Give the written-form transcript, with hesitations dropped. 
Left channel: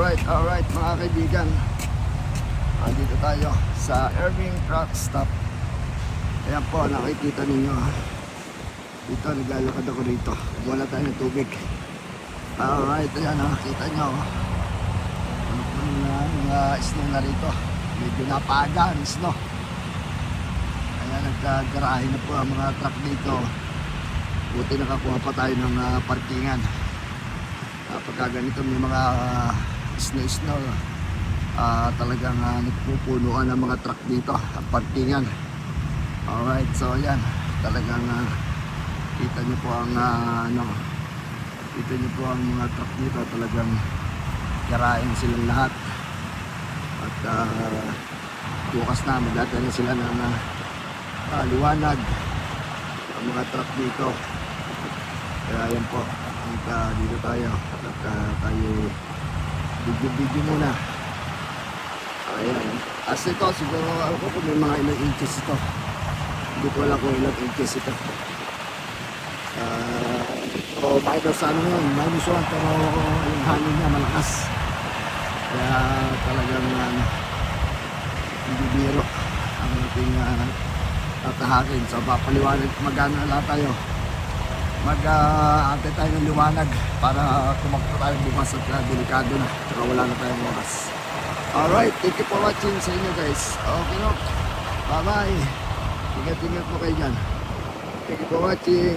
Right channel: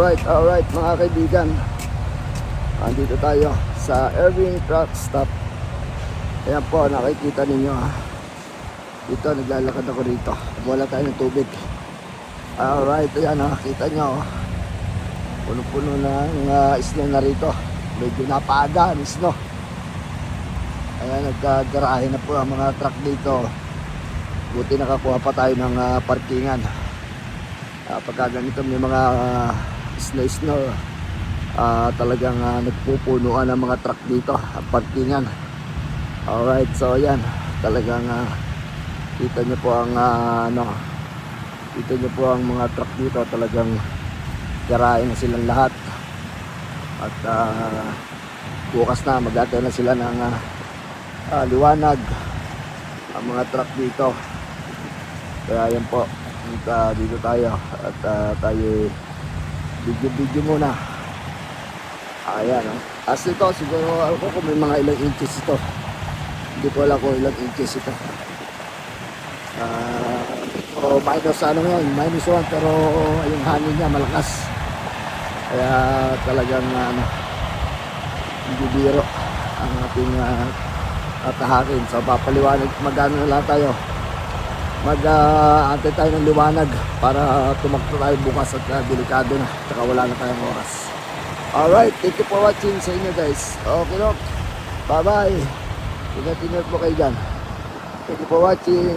Alright mga kaibigan. Andito tayo sa Irving Truck Stop. Ayan po, nakikita ninyo. Dito, naglalakad ako rito. Wala tayo ng tubig. Alright, ayan kita nyo. Puno-puno ng snow na rito. Medyo napaaga ang snow. Ayan, nagkagarahe na po ang mga truck dito. Buti nakakuha pa tayo ng parkingan. Pagka ganito may mga snow, talagang nagpupunuan ang mga truck dito, ang parkingan. Alright, so yan, talagang kita nyo po ang kita nyo po ang mga truck dito, talagang garahin silang lahat. At bukas na, magdatayo na sila ng liwanag ang mga truck dito. Kaya yan po, dito tayo at tayo video muna. Ayan, as ito siguro ako kung may mga ilang inches ito, hindi ko alam kung ilang inches ito. Minus ano yun, minus 1, pero yung hangin niya malakas, kaya talagang hindi biro ang ating tahakin. So papaliwanag, magano lang tayo, mag-antay tayo ng liwanag para tumakbo tayo bukas at delikado na, saka wala na tayong oras. Alright, thank you for watching sa inyo guys. Okay, look, bye bye, ingat-ingat po kayo dyan. Thank you for watching.